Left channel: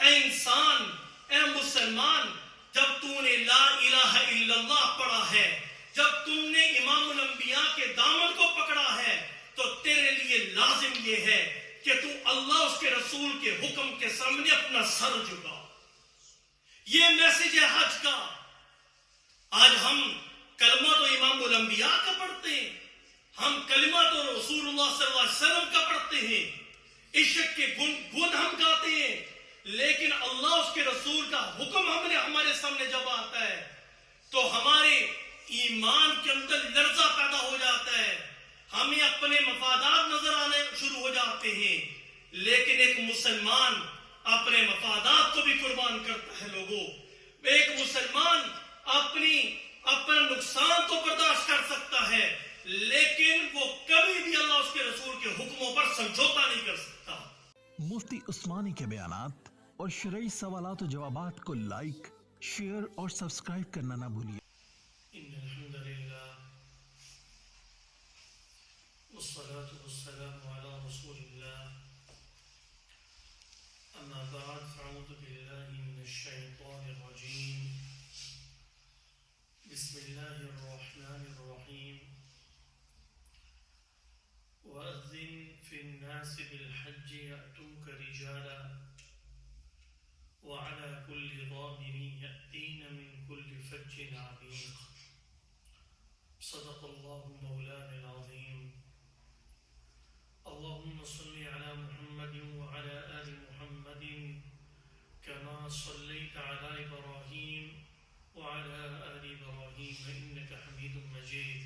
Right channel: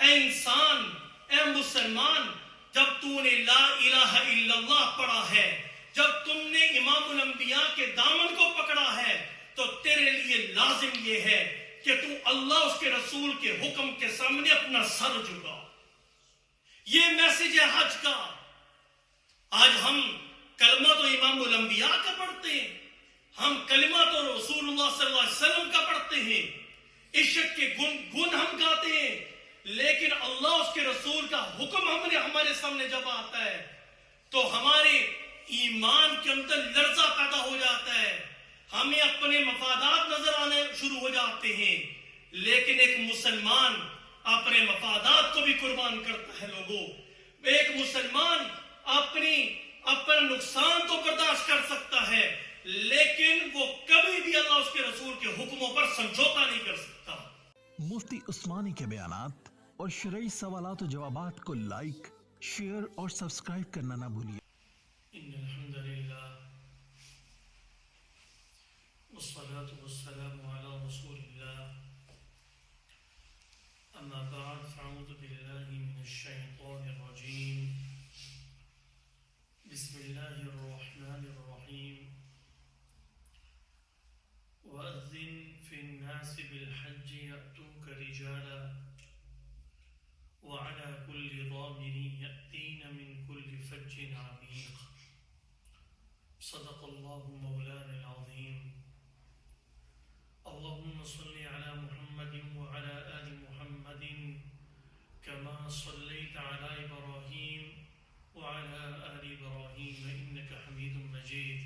اے انسان، اے مسلمان، جب تو نے لا الہ الا اللہ پڑھا ہے، جب تم نے امام الانبیاء کے دامن کو پکڑا ہے، تو تیرے لیے لازم یہ ہے کہ تو اللہ اس کے رسول کے حکم کے سامنے اپنا سر جھکا۔ یہ میسج ہے حج کا۔ آج ہم کلمہ تو امام الانبیاء کا پڑھتے ہیں، ہم کلمہ تو رسول اللہ صلی اللہ علیہ وسلم کا پڑھتے ہیں، عشق کے گن ہم گاتے ہیں، لیکن اللہ اس کے رسول کا حکم ہمارے سامنے جب آتا ہے تو ہمارے ایمان کے اندر لرزہ پیدا ہو جاتا ہے، ہمیں اپنے مفادات نظر آنے شروع ہو جاتے ہیں۔ لیکن ایک مسلمان اپنے مفادات کو بھی قربان کرتا ہے۔ لوگوں، ایک مسلمان اپنا نقصان تو برداشت کر سکتا ہے، لیکن وہ کبھی بھی اللہ اس کے رسول کے حکموں پر سمجھوتا نہیں کر سکتا۔ مفتی عثمانی کے بیانات اور شرعی سوالات و جوابات کو لائک، شیئر اور سبسکرائب کرنا نہ بھولیے۔ ان الحمد للہ والصلاة والسلام علی رسول اللہ، اما بعد فاعوذ باللہ من الشیطان الرجیم، بسم اللہ الرحمن الرحیم، وَأَذِّن فِي النَّاسِ بِالْحَجِّ يَأْتُوكَ رِجَالًا وَعَلَى كُلِّ ضَامِرٍ يَأْتِينَ مِنْ كُلِّ فَجٍّ عَمِيقٍ۔ صدق اللہ مولانا العظیم۔ اللهم صل على محمد وعلى آل محمد كما صليت على إبراهيم وعلى آل إبراهيم إنك حميد مجيد۔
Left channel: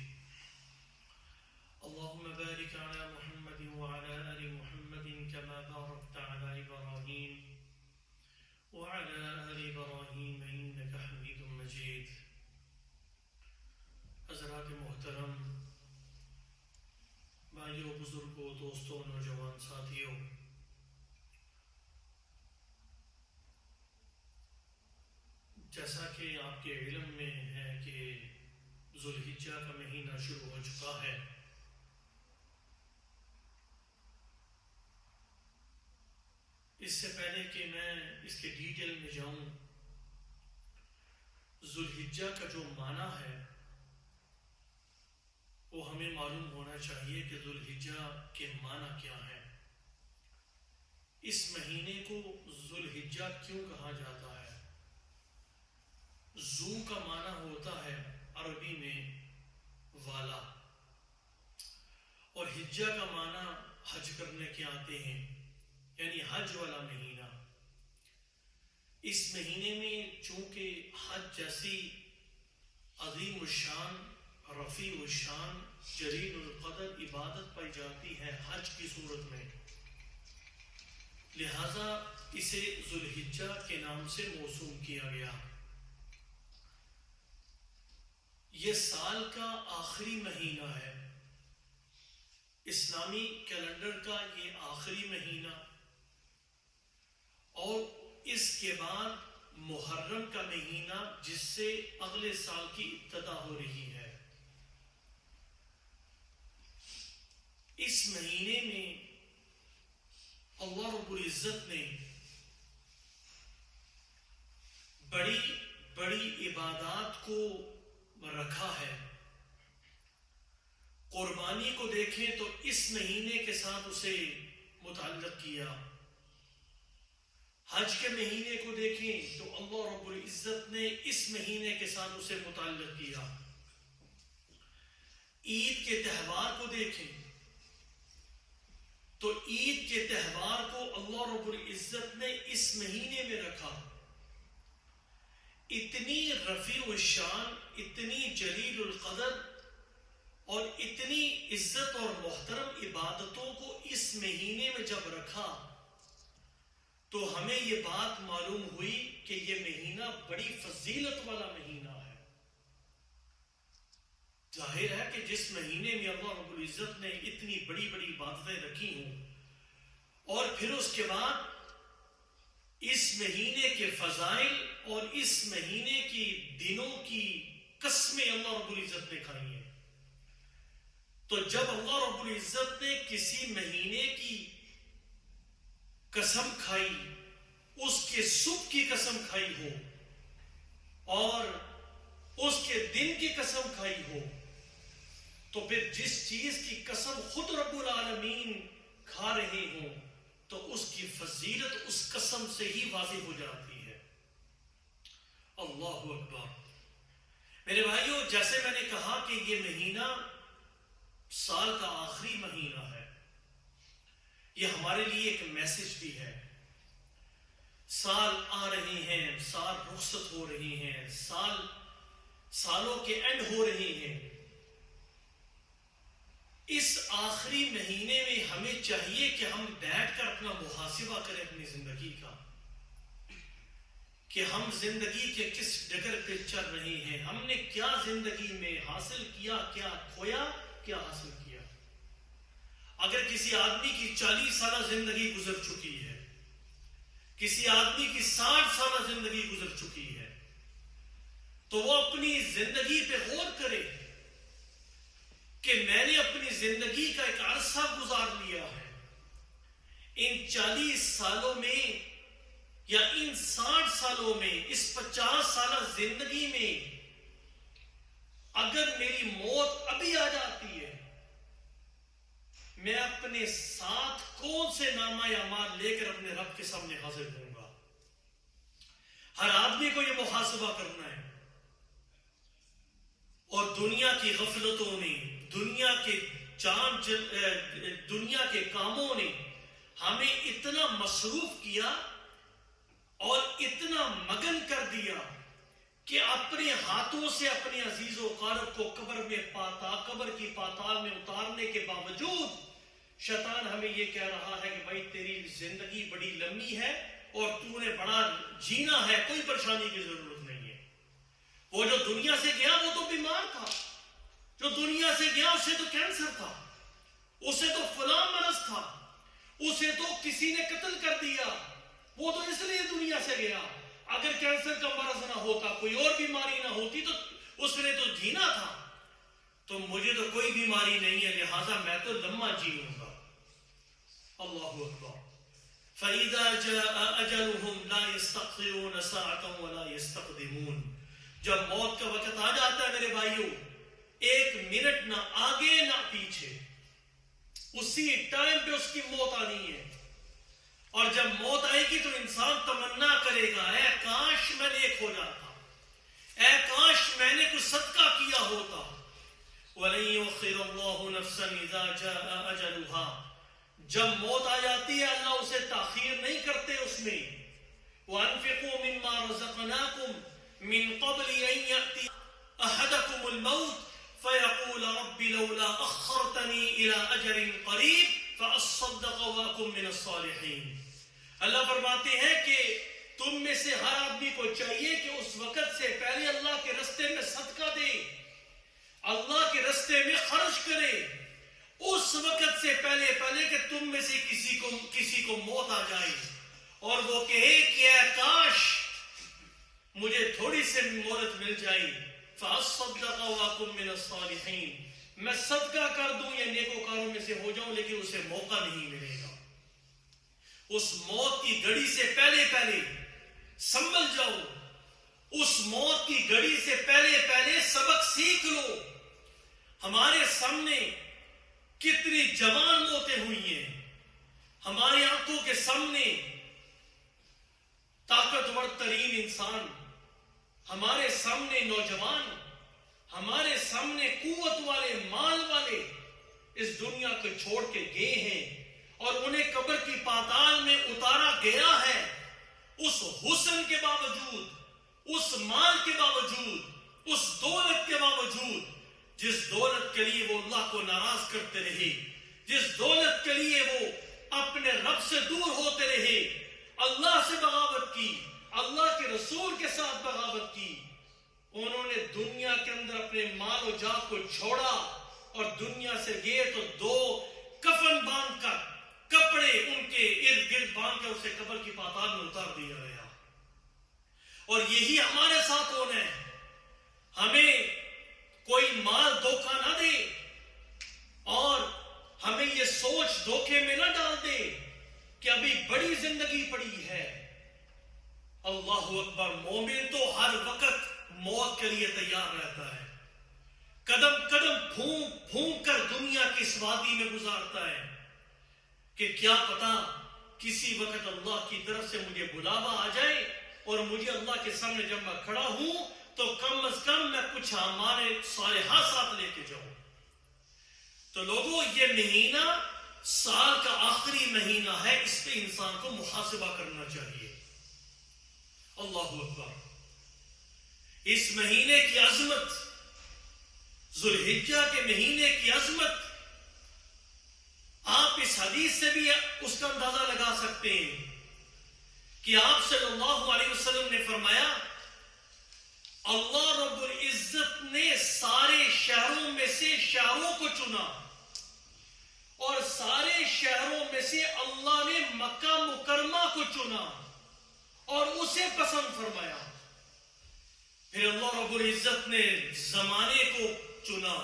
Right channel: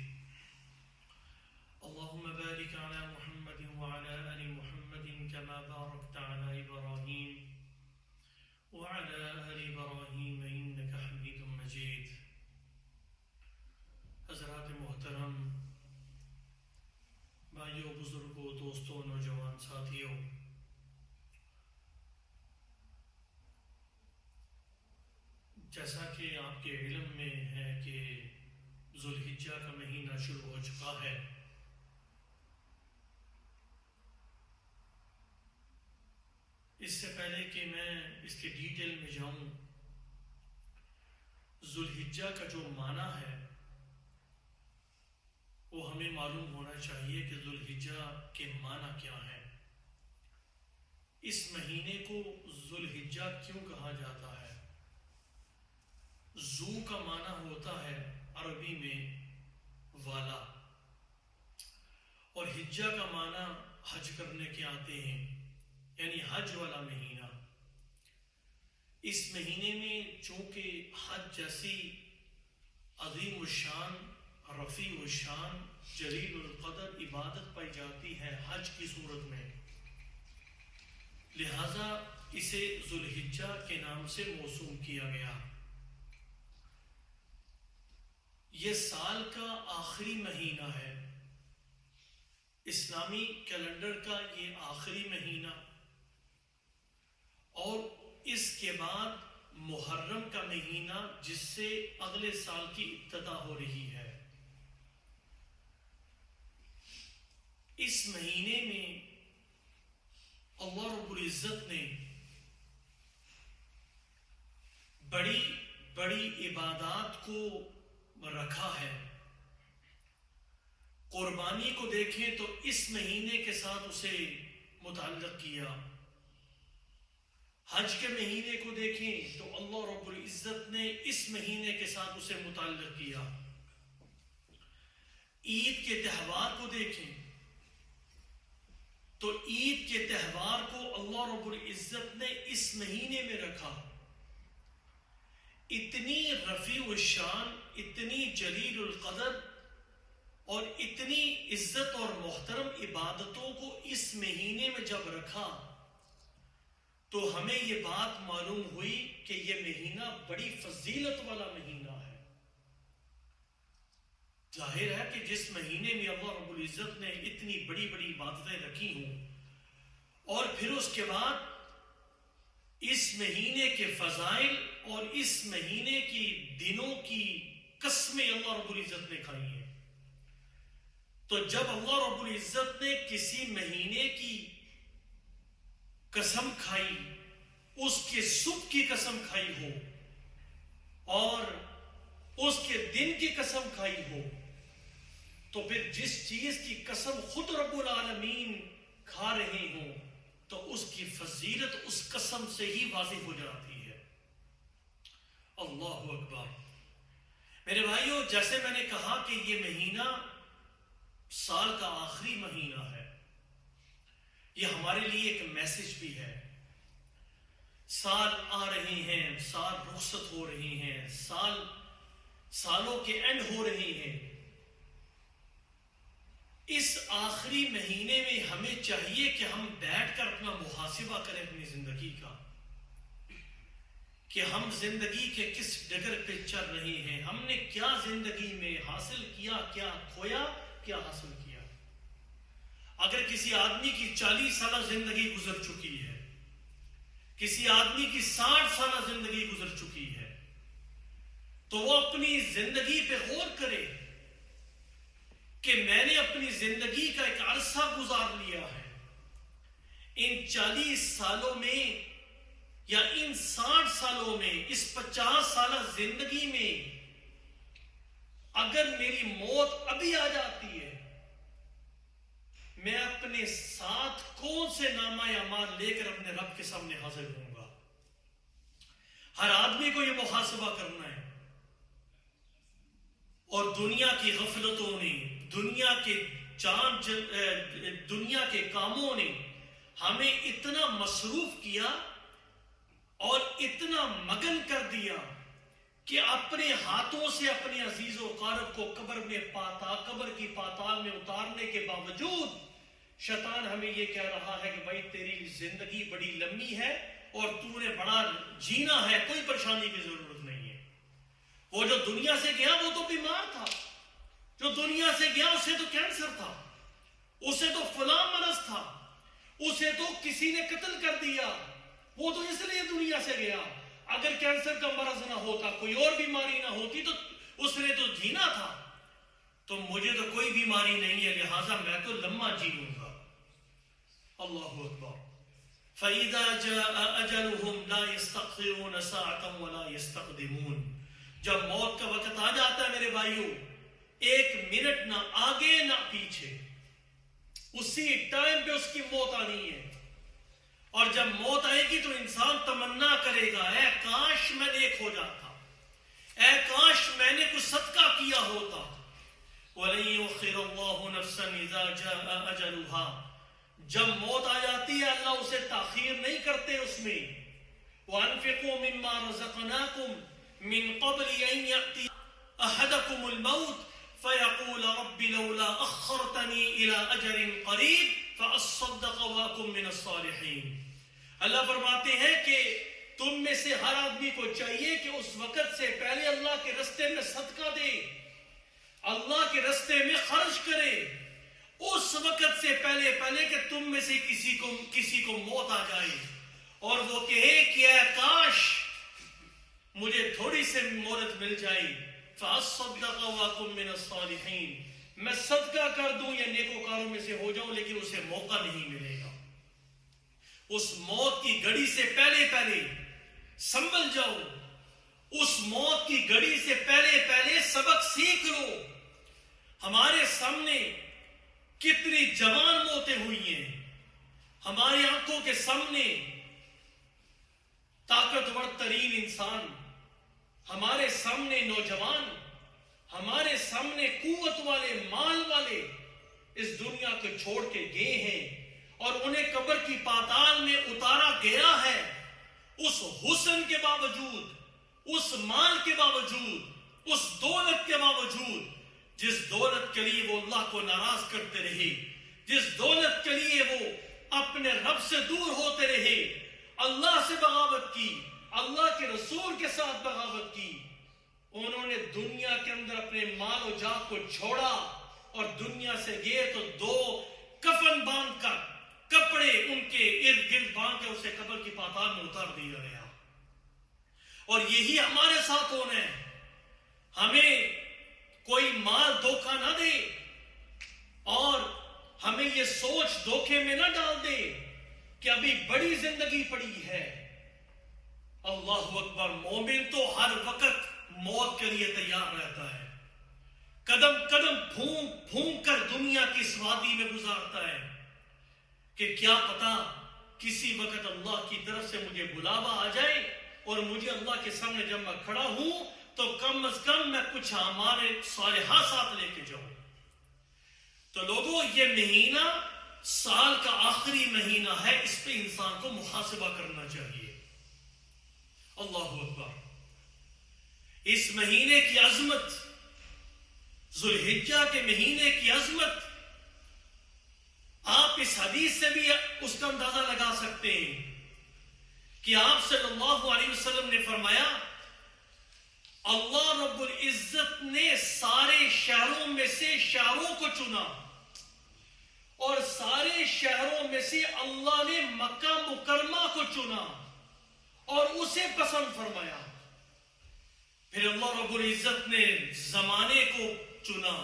اللهم بارك على محمد وعلى آل محمد كما باركت على إبراهيم وعلى آل إبراهيم إنك حميد مجيد۔ حضرات محترم، بھائیوں، بزرگوں، دوستوں، نوجوان ساتھیوں، جیسا کہ آپ کے علم میں ہے کہ ذوالحجہ کا مہینہ شروع ہو چکا ہے۔ اس سے پہلے کہ میں اس کے ڈیٹیل میں جاؤں، ذوالحجہ کا جو معنی ہے وہ ہمیں معلوم ہونا چاہیے کہ ذوالحجہ کے معنی کیا ہے۔ اس مہینے کو ذوالحجہ کیوں کہا جاتا ہے؟ ذو کا معنی ہوتا ہے عربی میں والا، اور حجہ کا معنی حج کرنے کے آتے ہیں، یعنی حج والا مہینہ۔ اس مہینے میں چونکہ حج جیسی عظیم الشان، رفیع الشان، جلیل القدر عبادت پائی جاتی ہے حج کی صورت میں، لہذا اسے ذوالحجہ کے نام سے موسوم کیا گیا۔ یہ سال کا آخری مہینہ ہے، اسلامی کیلنڈر کا یہ آخری مہینہ، اور اس کے بعد محرم کا مہینہ جس سے اگلے سال کی ابتدا ہو رہی ہے۔ اس مہینے میں اللہ رب العزت نے بڑی بڑی عبادات کو رکھا ہے۔ قربانی کو دیکھیں تو اس مہینے کے ساتھ اسے متعلق کیا، حج کے مہینے کو دیکھیں تو اللہ رب العزت نے اس مہینے کے ساتھ اسے متعلق کیا۔ عید کے تہوار کو دیکھیں تو عید کے تہوار کو اللہ رب العزت نے اس مہینے میں رکھا۔ اتنی رفیع الشان، اتنی جلیل القدر اور اتنی عزت اور محترم عبادتوں کو اس مہینے میں جب رکھا تو ہمیں یہ بات معلوم ہوئی کہ یہ مہینہ بڑی فضیلت والا مہینہ ہے۔ ظاہر ہے کہ جس مہینے میں اللہ رب العزت نے اتنی بڑی بڑی عبادتیں رکھی ہوں، اور پھر اس کے بعد اس مہینے کے فضائل اور اس مہینے کی دنوں کی قسمیں اللہ رب العزت نے کھائی ہیں، تو جب اللہ رب العزت نے کسی مہینے کی قسم کھائی اس کے صبح کی قسم کھائی ہو اور اس کے دن کی قسم کھائی ہو، تو پھر جس چیز کی قسم خود رب العالمین کھا رہے ہوں تو اس کی فضیلت اس قسم سے ہی واضح ہو جاتی ہے۔ اللہ اکبر۔ میرے بھائیوں، جیسے میں نے کہا کہ یہ مہینہ سال کا آخری مہینہ ہے، یہ ہمارے لیے ایک میسج بھی ہے۔ سال آ رہے ہیں، سال رخصت ہو رہے ہیں، سالوں کے اینڈ ہو رہے ہیں۔ اس آخری مہینے میں ہمیں چاہیے کہ ہم بیٹھ کر اپنا محاسبہ کریں اپنی زندگی کا، کہ ہم زندگی کے کس ڈگر پہ چل رہے ہیں، ہم نے کیا زندگی میں حاصل کیا، کیا کھویا، کیا حاصل کیا۔ اگر کسی آدمی کی 40 سالہ زندگی گزر چکی ہے، کسی آدمی کی 60 سالہ زندگی گزر چکی ہے، تو وہ اپنی زندگی پہ غور کرے کہ میں نے اپنی زندگی کا ایک عرصہ گزار لیا ہے، ان 40 سالوں میں یا ان 60 سالوں میں، اس 50 سالہ زندگی میں اگر میری موت ابھی آ جاتی ہے، میں اپنے ساتھ کون سے نامہ اعمال لے کر اپنے رب کے سامنے حاضر ہوں گا۔ ہر آدمی کو یہ محاسبہ کرنا ہے۔ اور دنیا کی غفلتوں نے، دنیا کے کاموں نے ہمیں اتنا مصروف کیا اور اتنا مگن کر دیا کہ اپنے ہاتھوں سے اپنے عزیز و قارب کو قبر کی پاتال میں اتارنے کے باوجود شیطان ہمیں یہ کہہ رہا ہے کہ بھائی تیری زندگی بڑی لمبی ہے اور تو نے بڑا جینا ہے، کوئی پریشانی کی ضرورت نہیں ہے۔ وہ جو دنیا سے گیا وہ تو بیمار تھا، جو دنیا سے گیا اسے تو کینسر تھا، اسے تو فلاں مرض تھا، اسے تو کسی نے قتل کر دیا، وہ تو اس لیے دنیا سے گیا۔ اگر کینسر کا مرض نہ ہوتا، کوئی اور بیماری نہ ہوتی تو اس نے تو جینا تھا۔ تو مجھے تو کوئی بیماری نہیں ہے، لہذا میں تو لمبا جیوں گا۔ اللہ اکبر۔ فَإِذَا جَاءَ أَجَلُهُمْ لَا يَسْتَأْخِرُونَ سَاعَةً وَلَا يَسْتَقْدِمُونَ۔ جب موت کا وقت آ جاتا ہے میرے بھائیوں، ایک منٹ نہ آگے نہ پیچھے، اسی ٹائم پہ اس کی موت آنی ہے۔ اور جب موت آئے گی تو انسان تمنا کرے گا، اے کاش میں نیک ہو جاتا، اے کاش میں نے کچھ صدقہ کیا ہوتا۔ وَلَن يُؤَخِّرَ اللَّهُ نَفْسًا إِذَا جَاءَ أَجَلُهَا۔ جب موت آ جاتی ہے اللہ اسے تاخیر نہیں کرتے اس میں۔ وَأَنفِقُوا مِمَّا رَزَقْنَاكُمْ مِن قَبْلِ أَن يَأْتِيَ أَحَدَكُمُ الْمَوْتُ فَيَقُولَ رَبِّ لَوْلَا أَخَّرْتَنِي إِلَىٰ أَجَلٍ قَرِيبٍ فَأَصَّدَّقَ وَأَكُن مِّنَ الصَّالِحِينَ۔ اللہ فرماتے ہیں کہ تم میں سے ہر آدمی کو چاہیے کہ اس وقت سے پہلے اللہ کے رستے میں صدقہ دے، اللہ کے رستے میں خرچ کرے، اس وقت سے پہلے کہ تم میں سے کسی کو موت آ جائے اور وہ کہے کہ اے کاش مجھے تھوڑی سی مہلت مل جائے۔ فَأَصَّدَّقَ وَأَكُن مِّنَ الصَّالِحِينَ، میں صدقہ کر دوں یا نیکوکاروں میں سے ہو جاؤں، لیکن اسے موقع نہیں ملے گا۔ اس موت کی گھڑی سے پہلے سنبھل جاؤ، اس موت کی گھڑی سے پہلے سبق سیکھ لو۔ ہمارے سامنے کتنی جوان موتیں ہوئی ہیں، ہماری آنکھوں کے سامنے طاقتور ترین انسان، ہمارے سامنے نوجوان، ہمارے سامنے قوت والے، مال والے اس دنیا کو چھوڑ کے گئے ہیں اور انہیں قبر کی پاتال میں اتارا گیا ہے۔ اس حسن کے باوجود، اس مال کے باوجود، اس دولت کے باوجود، جس دولت کے لیے وہ اللہ کو ناراض کرتے رہے، جس دولت کے لیے وہ اپنے رب سے دور ہوتے رہے، اللہ سے بغاوت کی، اللہ کے رسول کے ساتھ بغاوت کی، انہوں نے دنیا کے اندر اپنے مال و جا کو چھوڑا اور دنیا سے گئے تو 2 کفن باندھ کر، کپڑے ان کے ارد گرد باندھ کے اسے قبر کی پاتال میں اتار دیا گیا۔ اور یہی ہمارے ساتھ ہونا ہے۔ ہمیں کوئی مال دھوکہ نہ دے اور ہمیں یہ سوچ دھوکے میں نہ ڈال دے کہ ابھی بڑی زندگی پڑی ہے، اللہ اکبر. مومن تو ہر وقت موت کے لیے تیار رہتا ہے, قدم قدم پھونک پھونک کر دنیا کی اس وادی میں گزارتا ہے کہ کیا پتا کسی وقت اللہ کی طرف سے مجھے بلاوا آ جائے اور مجھے اللہ کے سامنے جب میں کھڑا ہوں تو کم از کم میں کچھ ہمارے صالحہ ساتھ لے کے جاؤں. تو لوگوں, یہ مہینہ سال کا آخری مہینہ ہے, اس پہ انسان کو محاسبہ کرنا چاہیے. اللہ اکبر. اس مہینے کی عظمت, ذوالحجہ کے مہینے کی عظمت, آپ اس حدیث سے بھی اس کا اندازہ لگا سکتے ہیں کہ آپ صلی اللہ علیہ وسلم نے فرمایا, اللہ رب العزت نے سارے شہروں میں سے شہروں کو چنا اور سارے شہروں میں سے اللہ نے مکہ مکرمہ کو چنا اور اسے پسند فرمایا. پھر اللہ رب العزت نے زمانے کو چنا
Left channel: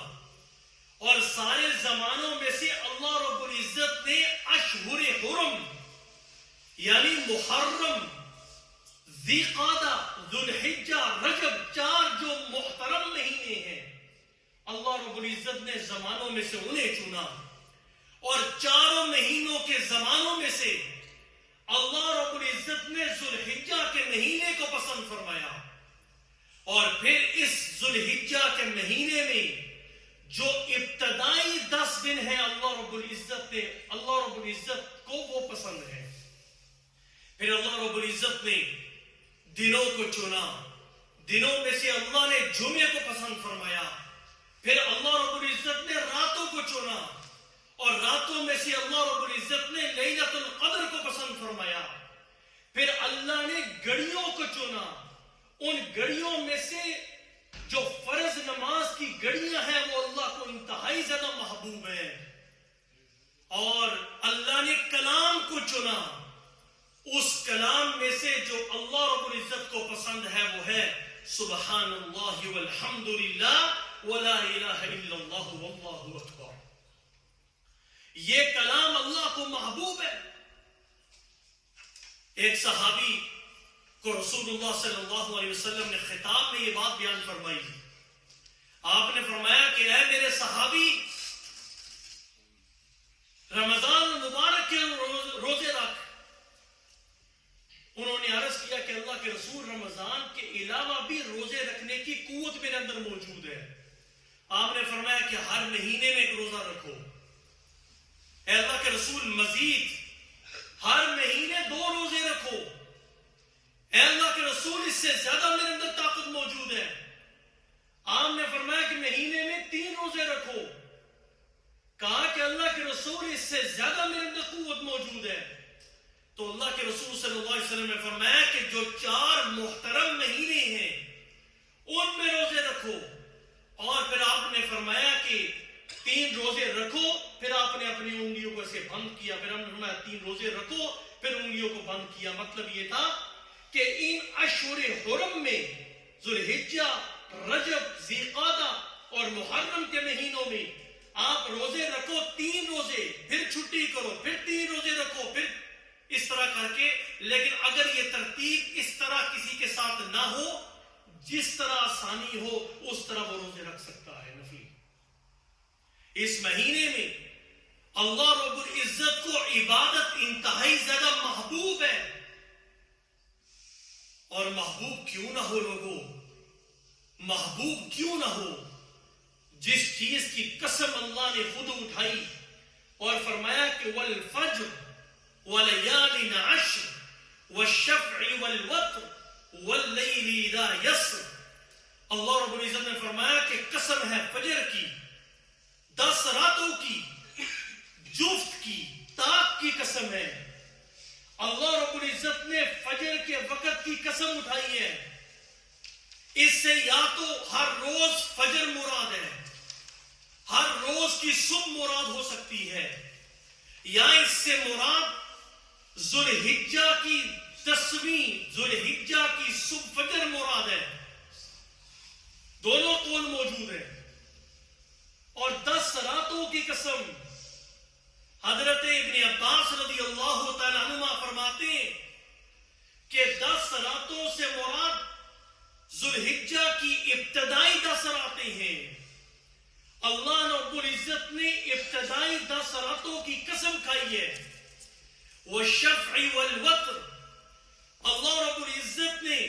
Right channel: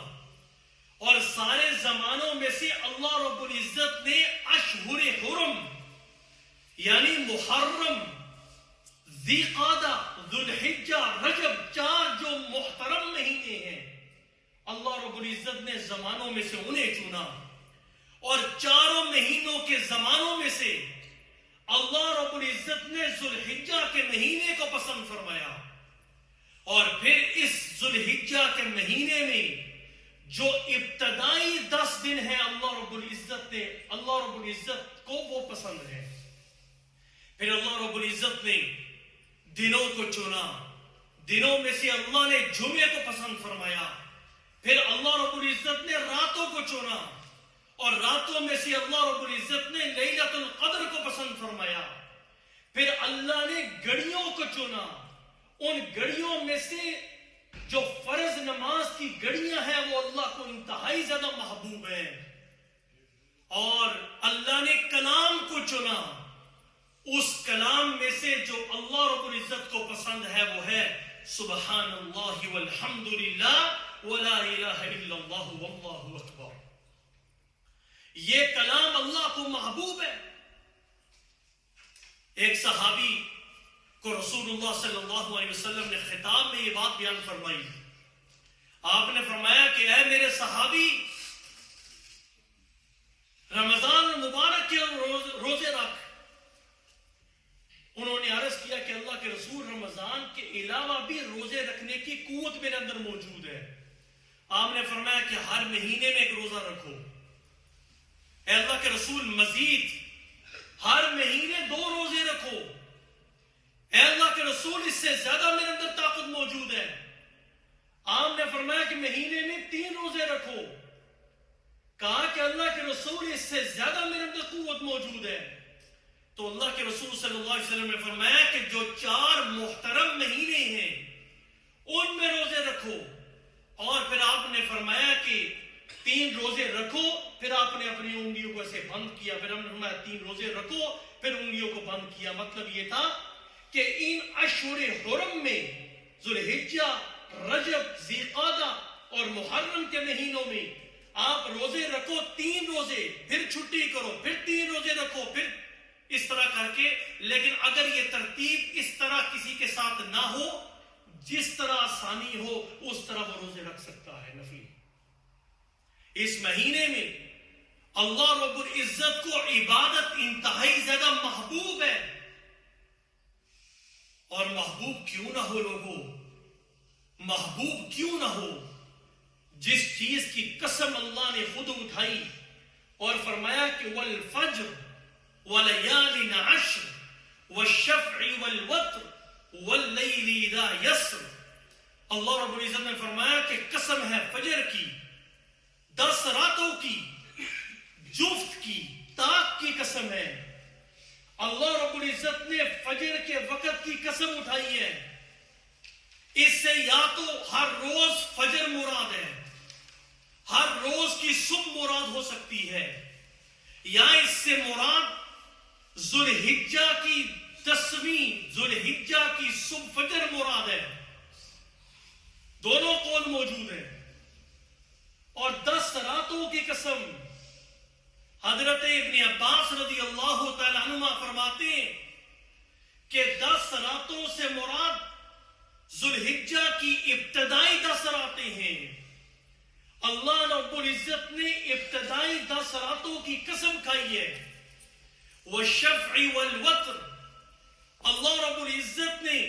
اور سارے زمانوں میں سے اللہ رب العزت نے اشہر حرم یعنی محرم, ذی قعدہ, ذوالحجہ, رجب, 4 جو محترم مہینے ہیں, اللہ رب العزت نے زمانوں میں سے انہیں چنا اور 4 مہینوں کے زمانوں میں سے اللہ رب العزت نے ذوالحجہ کے مہینے کو پسند فرمایا. اور پھر اس ذوالحجہ کے مہینے میں جو ابتدائی 10 دن ہیں اللہ رب العزت کو وہ پسند ہے. پھر اللہ رب العزت نے دنوں کو چنا, دنوں میں سے اللہ نے جمعے کو پسند فرمایا. پھر اللہ رب العزت نے راتوں کو چنا اور راتوں میں سے اللہ رب العزت نے لیلۃ القدر کو پسند فرمایا. پھر اللہ نے گھڑیوں کو چنا, ان گھڑیوں میں سے جو فرض نماز کی گھڑیاں ہیں وہ اللہ کو انتہائی زیادہ محبوب ہیں. اور اللہ نے کلام کو چنا, اس کلام میں سے جو اللہ رب العزت کو پسند ہے وہ ہے سبحان اللہ والحمد للہ ولا الہ الا اللہ واللہ اکبر. یہ کلام اللہ کو محبوب ہے. ایک صحابی کو رسول اللہ صلی اللہ علیہ وسلم نے خطاب میں یہ بات بیان فرمائی. آپ نے فرمایا کہ اے میرے صحابی, رمضان المبارک کے روزے رکھ. انہوں نے عرض کیا کہ اللہ کے رسول, رمضان کے علاوہ بھی روزے رکھنے کی قوت میرے اندر موجود ہے. آپ نے فرمایا کہ ہر مہینے میں ایک روزہ رکھو. اے اللہ کے رسول, مزید ہر مہینے 2 روزے رکھو. اے اللہ کے رسول, اس سے زیادہ میرے اندر طاقت موجود ہے. آپ نے فرمایا کہ مہینے میں 3 روزے رکھو. کہا کہ اللہ کے رسول, اس سے زیادہ میرے اندر قوت موجود ہے. تو اللہ کے رسول صلی اللہ علیہ وسلم نے فرمایا کہ جو 4 محترم مہینے ہیں ان میں روزے رکھو. اور پھر آپ نے فرمایا کہ 3 روزے رکھو. پھر آپ نے اپنی انگلیوں کو ایسے بند کیا. پھر ہم نے فرمایا 3 روزے رکھو, پھر انگلیوں کو بند کیا. مطلب یہ تھا کہ ان اشہر حرم میں, ذوالحجہ, رجب, ذی قعدہ اور محرم کے مہینوں میں آپ روزے رکھو, 3 روزے, پھر چھٹی کرو, پھر 3 روزے رکھو, پھر اس طرح کر کے. لیکن اگر یہ ترتیب اس طرح کسی کے ساتھ نہ ہو, جس طرح آسانی ہو اس طرح وہ روزے رکھ سکتا ہے نفلی. اس مہینے میں اللہ رب العزت کو عبادت انتہائی زیادہ محبوب ہے. اور محبوب کیوں نہ ہو لوگوں, محبوب کیوں نہ ہو جس چیز کی قسم اللہ نے خود اٹھائی اور فرمایا کہ والفجر ولیال عشر والشفع والوتر واللیل اذا یسر. اللہ رب العزت نے فرمایا کہ قسم ہے فجر کی, 10 راتوں کی, جفت کی, طاق کی قسم ہے. اللہ رب العزت نے فجر کے وقت کی قسم اٹھائی ہے. اس سے یا تو ہر روز فجر مراد ہے, ہر روز کی صبح مراد ہو سکتی ہے, یا اس سے مراد ذوالحجہ کی 10ویں ذوالحجہ کی صبح فجر مراد ہے. دونوں قول موجود ہیں. اور 10 راتوں کی قسم, حضرت ابن عباس رضی اللہ تعالی عنہ فرماتے ہیں کہ 10 راتوں سے مراد ذوالحجہ کی ابتدائی 10 راتیں ہیں. اللہ رب العزت نے ابتدائی 10 راتوں کی قسم کھائی ہے. والشفع والوتر، اللہ رب العزت نے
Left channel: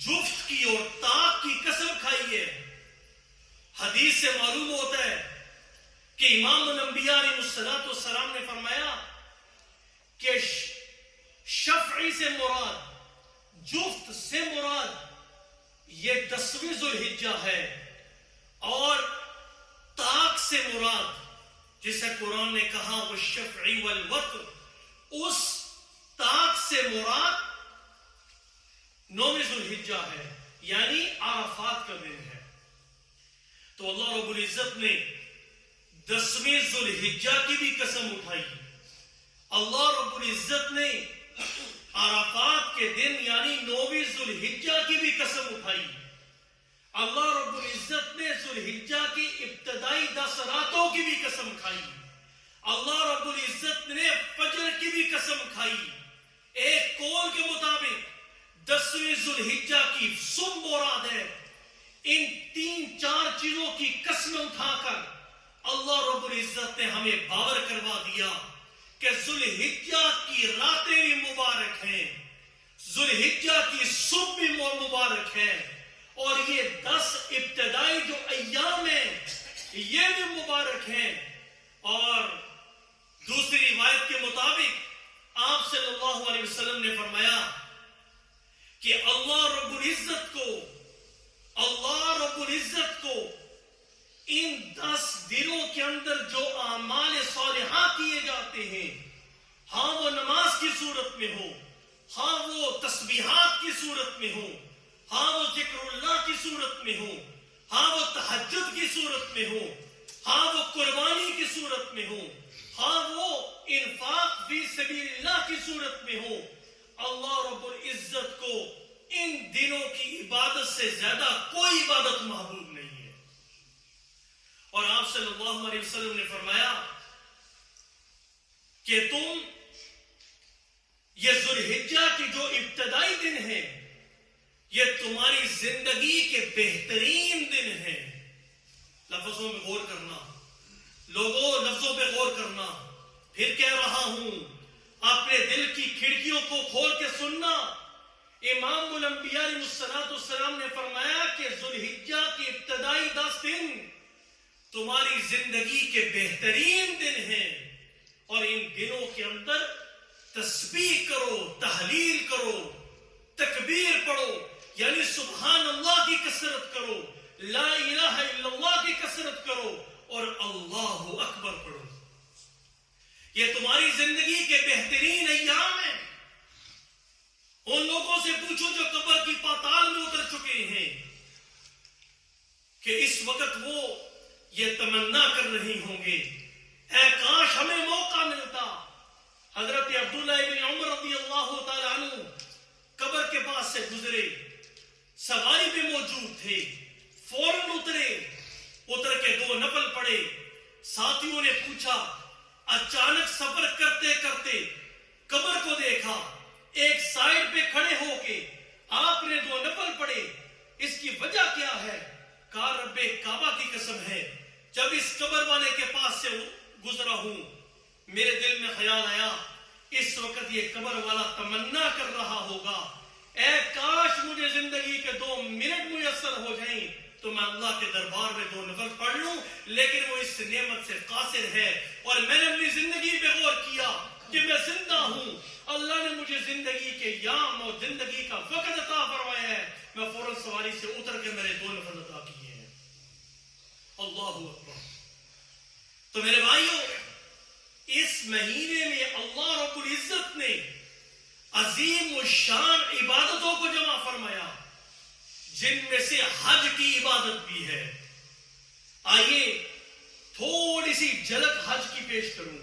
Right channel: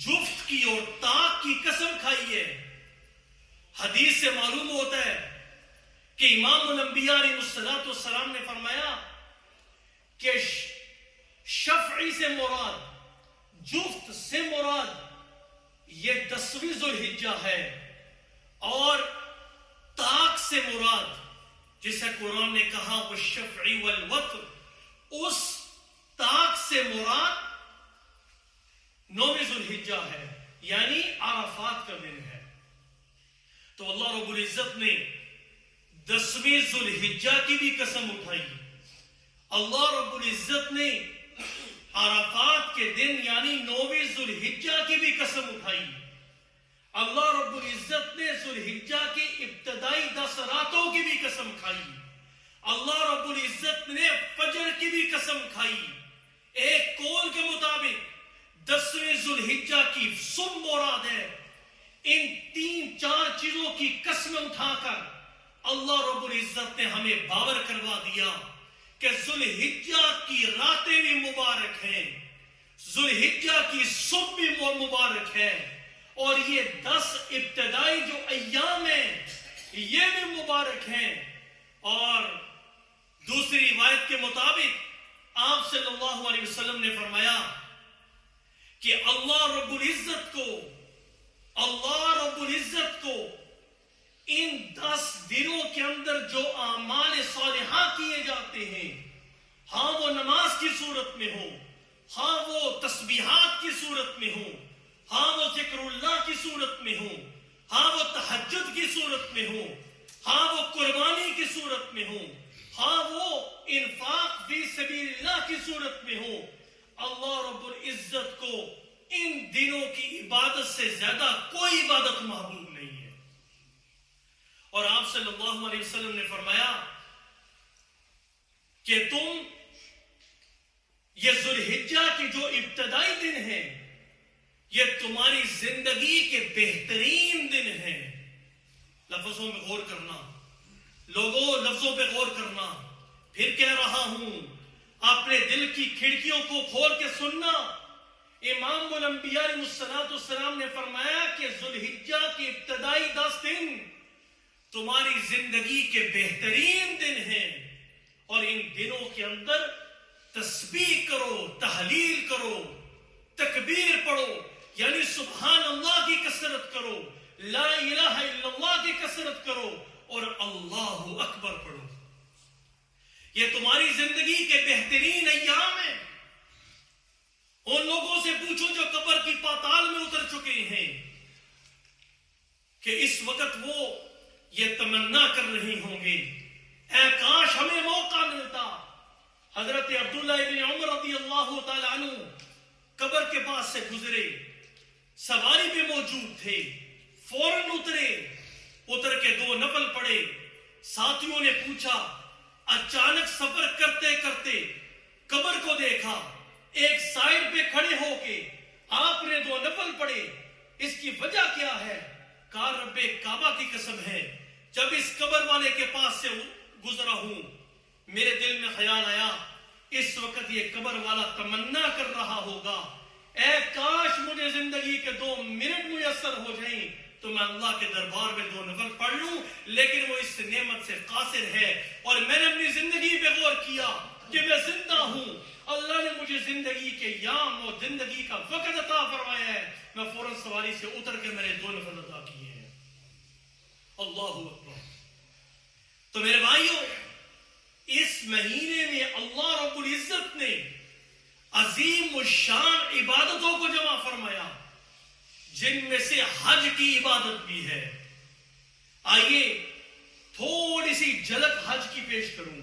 جفت کی اور طاق کی قسم کھائی ہے. حدیث سے معلوم ہوتا ہے کہ امام الانبیاء علیہ الصلوۃ والسلام نے فرمایا کہ شفعی سے مراد، جفت سے مراد یہ 10ویں ذوالحجہ ہے، اور طاق سے مراد جسے قرآن نے کہا وہ شفعی والوتر، اس طاق سے مراد 9ویں ذوالحجہ ہے، یعنی عرفات کا دن ہے. تو اللہ رب العزت نے 10ویں ذوالحجہ کی بھی قسم اٹھائی. اللہ رب العزت نے عرفات کے دن یعنی 9ویں ذوالحجہ کی بھی قسم اٹھائی. اللہ رب العزت نے ذوالحجہ کی ابتدائی 10 راتوں کی بھی قسم کھائی. اللہ رب العزت نے فجر کی بھی قسم کھائی. ایک قول کے مطابق 10ویں ذوالحجہ کی صبح مراد ہے. ان 3-4 چیزوں کی قسم اٹھا کر اللہ رب العزت نے ہمیں باور کروا دیا کہ ذوالحجہ کی راتیں بھی مبارک ہیں، ذوالحجہ کی صبح بھی مبارک ہے، اور یہ 10 ابتدائی جو ایام ہیں یہ بھی مبارک ہیں. اور دوسری روایت کے مطابق آپ صلی اللہ علیہ وسلم نے فرمایا کہ اللہ رب العزت کو ان 10 دنوں کے اندر جو اعمال صالحہ کیے جاتے ہیں، ہاں وہ نماز کی صورت میں ہو، ہاں وہ تسبیحات کی صورت میں ہو، ہاں وہ ذکر اللہ کی صورت میں ہو، ہاں وہ تہجد کی صورت میں ہو، ہاں وہ قربانی کی صورت میں ہو، ہاں وہ انفاق فی سبیل اللہ کی صورت میں ہو، اللہ رب العزت کو ان دنوں کی عبادت سے زیادہ کوئی عبادت محبوب نہیں ہے. اور آپ صلی اللہ علیہ وسلم نے فرمایا کہ تم یہ ذوالحجہ کی جو ابتدائی دن ہیں یہ تمہاری زندگی کے بہترین دن ہیں. لفظوں میں غور کرنا، لوگوں لفظوں پہ غور کرنا. پھر کہہ رہا ہوں، اپنے دل کی کھڑکیوں کو کھول کے سننا. امام الانبیاء علیہ الصلوۃ والسلام نے فرمایا کہ ذوالحجہ کی ابتدائی 10 دن تمہاری زندگی کے بہترین دن ہیں، اور ان دنوں کے اندر تسبیح کرو، تحلیل کرو، تکبیر پڑھو، یعنی سبحان اللہ کی کثرت کرو، لا الہ الا اللہ کی کثرت کرو، اور اللہ اکبر پڑھو. یہ تمہاری زندگی کے بہترین ایام ہیں. ان لوگوں سے پوچھو جو قبر کی پاتال میں اتر چکے ہیں کہ اس وقت وہ یہ تمنا کر رہے ہوں گے، اے کاش ہمیں موقع ملتا. حضرت عبداللہ ابن عمر رضی اللہ تعالی عنہ قبر کے پاس سے گزرے، سواری بھی موجود تھے، فوراً اتر کے 2 نفل پڑے. ساتھیوں نے پوچھا، اچانک سفر کرتے کرتے قبر کو دیکھا، ایک سائڈ پہ کھڑے ہو کے آپ نے 2 نفل پڑے، اس کی وجہ کیا ہے؟ کہا رب کعبہ کی قسم ہے، جب اس قبر والے کے پاس سے گزرا ہوں میرے دل میں خیال آیا اس وقت یہ قبر والا تمنا کر رہا ہوگا، اے کاش مجھے زندگی کے 2 منٹ میسر ہو جائیں تو میں اللہ کے دربار میں 2 نفل پڑھ لوں. لیکن وہ اس نعمت سے قاصر ہے، اور میں نے اپنی زندگی پہ غور کیا کہ میں زندہ ہوں، اللہ نے مجھے زندگی کے یام اور زندگی کا وقت عطا فرمایا ہے، میں فوراً سواری سے اتر کے میرے 2 نفل ادا کیے ہیں. اللہ اکبر. تو میرے بھائیوں، اس مہینے میں اللہ رب العزت نے عظیم الشان عبادتوں کو جمع فرمایا، جن میں سے حج کی عبادت بھی ہے. آئیے تھوڑی سی جھلک حج کی پیش کروں.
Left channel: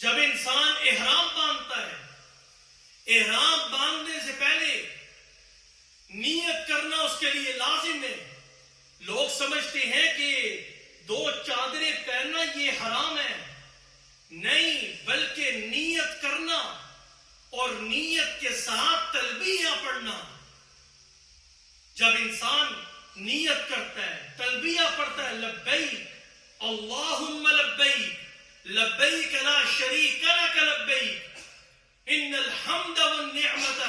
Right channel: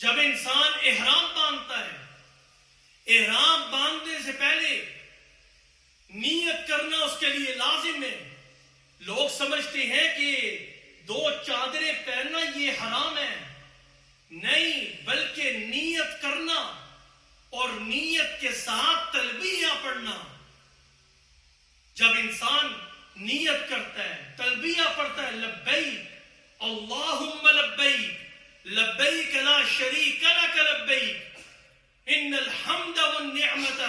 جب انسان احرام باندھتا ہے، احرام باندھنے سے پہلے نیت کرنا اس کے لیے لازم ہے. لوگ سمجھتے ہیں کہ 2 چادریں پہننا یہ حرام ہے. نہیں، بلکہ نیت کرنا اور نیت کے ساتھ تلبیہ پڑھنا. جب انسان نیت کرتا ہے, تلبیہ پڑھتا ہے, لبیک اللہم لبیک لبیک لا شریک لک لبیک ان الحمد والنعمت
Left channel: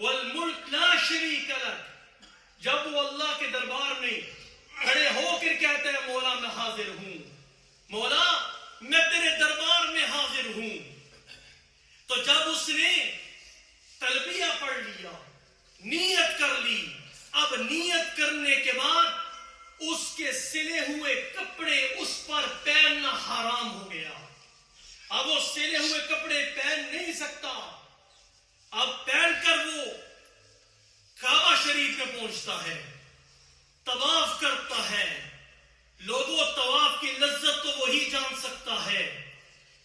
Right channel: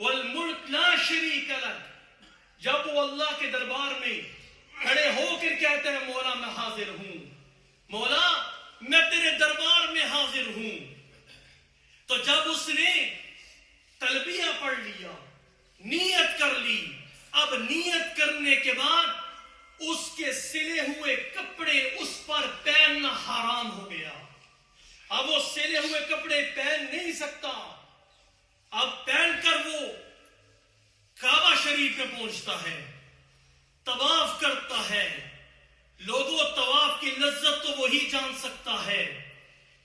والملک لا شریک لک, جب وہ اللہ کے دربار میں کھڑے ہو کر کہتے ہیں مولا میں حاضر ہوں, مولا میں تیرے دربار میں حاضر ہوں, تو جب اس نے تلبیہ پڑھ لیا, نیت کر لی, اب نیت کرنے کے بعد اس کے سلے ہوئے کپڑے اس پر پہننا حرام ہو گیا. اب وہ سلے ہوئے کپڑے پہن نہیں سکتا. اب پہن کر وہ کعبہ شریف میں پہنچتا ہے, طواف کرتا ہے. لوگوں, طواف کی لذت تو وہی جان سکتا ہے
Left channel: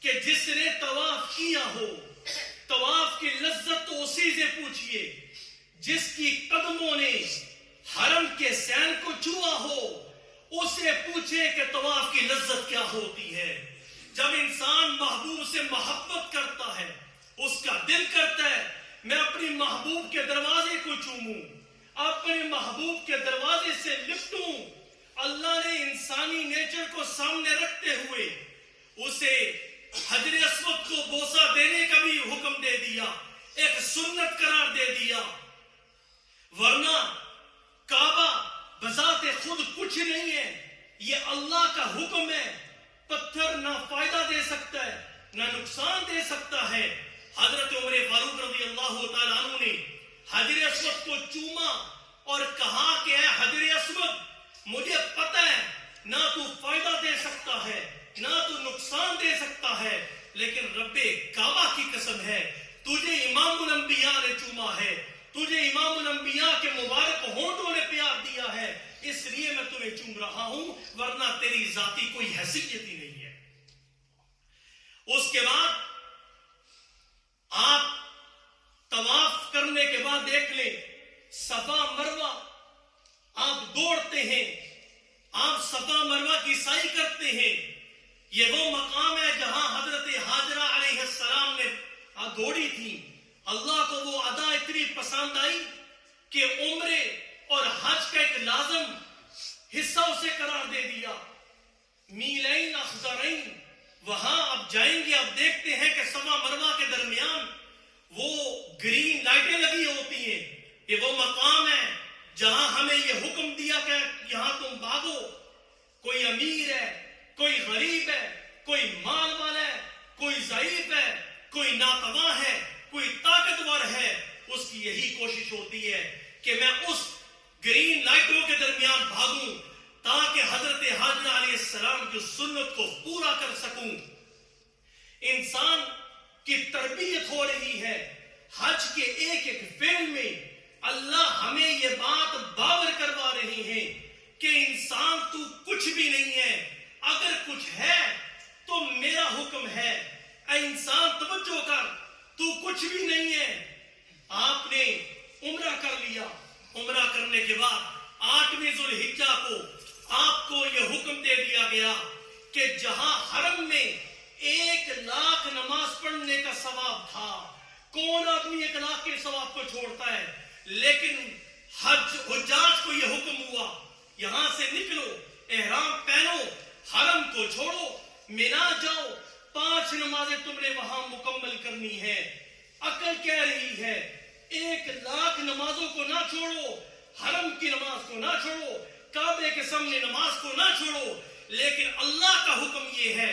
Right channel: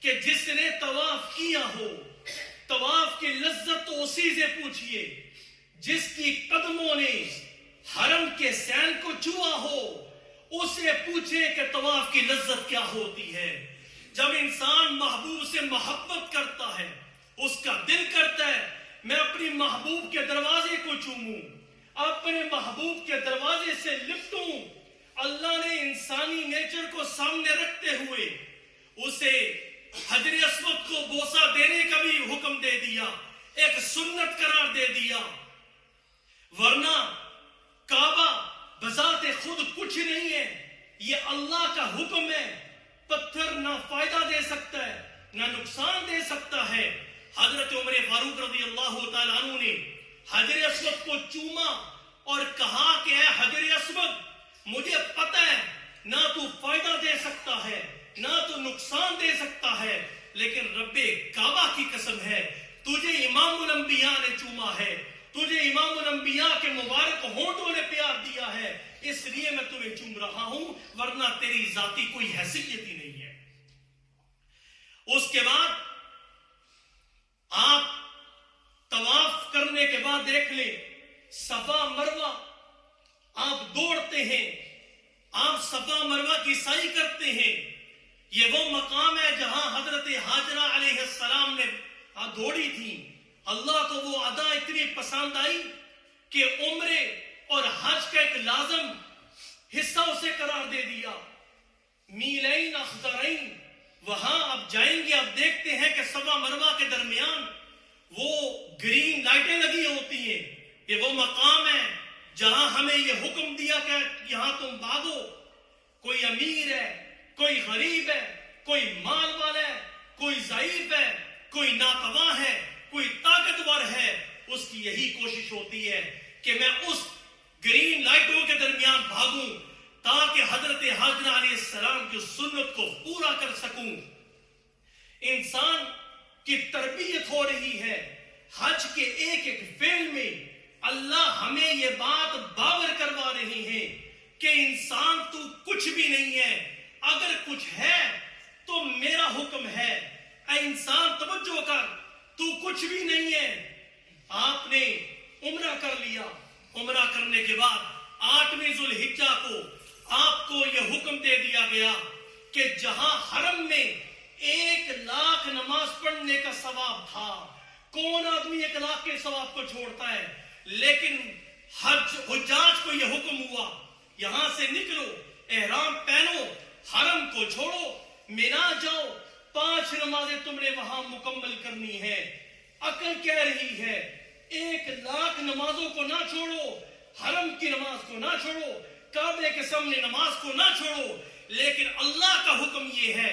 کہ جس نے طواف کیا ہو. طواف کی لذت تو اسی سے پوچھئے جس کی قدموں نے حرم کے سین کو چھوا ہو. اسے پوچھے کہ طواف کی لذت کیا ہوتی ہے. جب انسان محبوب سے محبت کرتا ہے, اس کا دل کرتا ہے میں اپنی محبوب کے دروازے کو چوموں, اپنے محبوب کے دروازے سے لپٹوں. اللہ نے انسانی نیچر کو سامنے رکھتے ہوئے اسے حجر اسود کو بوسہ دینے کا بھی حکم دے دیا, ایک سنت قرار دے دیا. ورنہ کعبہ بذات خود کچھ نہیں ہے, یہ اللہ کا حکم ہے. پتھر نہ فائدہ دے سکتا ہے نہ نقصان دے سکتا ہے. حضرت عمر فاروق رضی اللہ تعالیٰ عنہ نے حجر اسود کو چوما اور کہا کہ اے حجر اسود, مجھے پتہ ہے نہ تو فائدہ دے سکتا ہے نہ تو نقصان دے سکتا ہے, لیکن رب کعبہ کی قسم ہے تجھے امام الانبیاء نے چوما ہے, تجھے امام الانبیاء کے مبارک ہونٹوں نے پیار دیا ہے, اس لیے میں تمہیں چوم رہا ہوں, ورنہ تیری ذاتی کوئی حیثیت ہی نہیں ہے. اس کے بعد آپ طواف کرنے کے بعد دیکھ لیں, صفا مروہ آپ دوڑتے ہیں, آپ صفا مروہ کی سعی کرتے ہیں. یہ وہ مقام ہے جہاں حضرت حاجرہ علیہ السلام نے دوڑی تھی. اللہ کو وہ ادا اتنی پسند آئی کہ عمرے اور حج کا ایک لازم حصہ اسے قرار دے دیا. میلین اخضرین, وہاں اب جائیں گے, اب دیکھتے ہیں کہ صفا مروہ کے درمیان وہ گرین لائٹیں لگی ہوتی ہیں. یہ وہ مقام ہے جہاں ہمیں یہ حکم دیا کہ یہاں تم بھاگو. کوئی امیر ہے, کوئی غریب ہے, کوئی مال والا ہے, کوئی ضعیف ہے, کوئی ناتواں ہے, کوئی طاقتور ہے, اس کی یہی کوشش ہوتی ہے کہ میں اس گرین لائٹوں کے درمیان بھاگوں تاکہ حضرت حاجرہ علیہ السلام کی سنت کو پورا کر سکوں. انسان کی تربیت ہو رہی ہے حج کے ایک ایک فعل میں. اللہ ہمیں یہ بات باور کروا رہی ہے کہ انسان تو کچھ بھی نہیں ہے, اگر کچھ ہے تو میرا حکم ہے. اے انسان توجہ کر, تو کچھ بھی نہیں ہے. آپ نے عمرہ کر لیا, عمرہ کرنے کے بعد 8ویں ذوالحجہ کو آپ کو یہ حکم دے دیا گیا کہ جہاں حرم میں 1,00,000 نماز پڑھنے کا ثواب تھا, کون آدمی 1,00,000 کے ثواب کو چھوڑتا ہے, لیکن حجاج کو یہ حکم ہوا یہاں سے نکلو, احرام پہنو, حرم کو چھوڑو, مینا جاؤ, 5 نمازیں تم نے وہاں مکمل کرنی ہے. عقل کہہ رہی ہے 1,00,000 نمازوں کو نہ چھوڑو, حرم کی نماز کو نہ چھوڑو, کعبے کے سامنے نماز کو نہ چھوڑو, لیکن اللہ کا حکم یہ ہے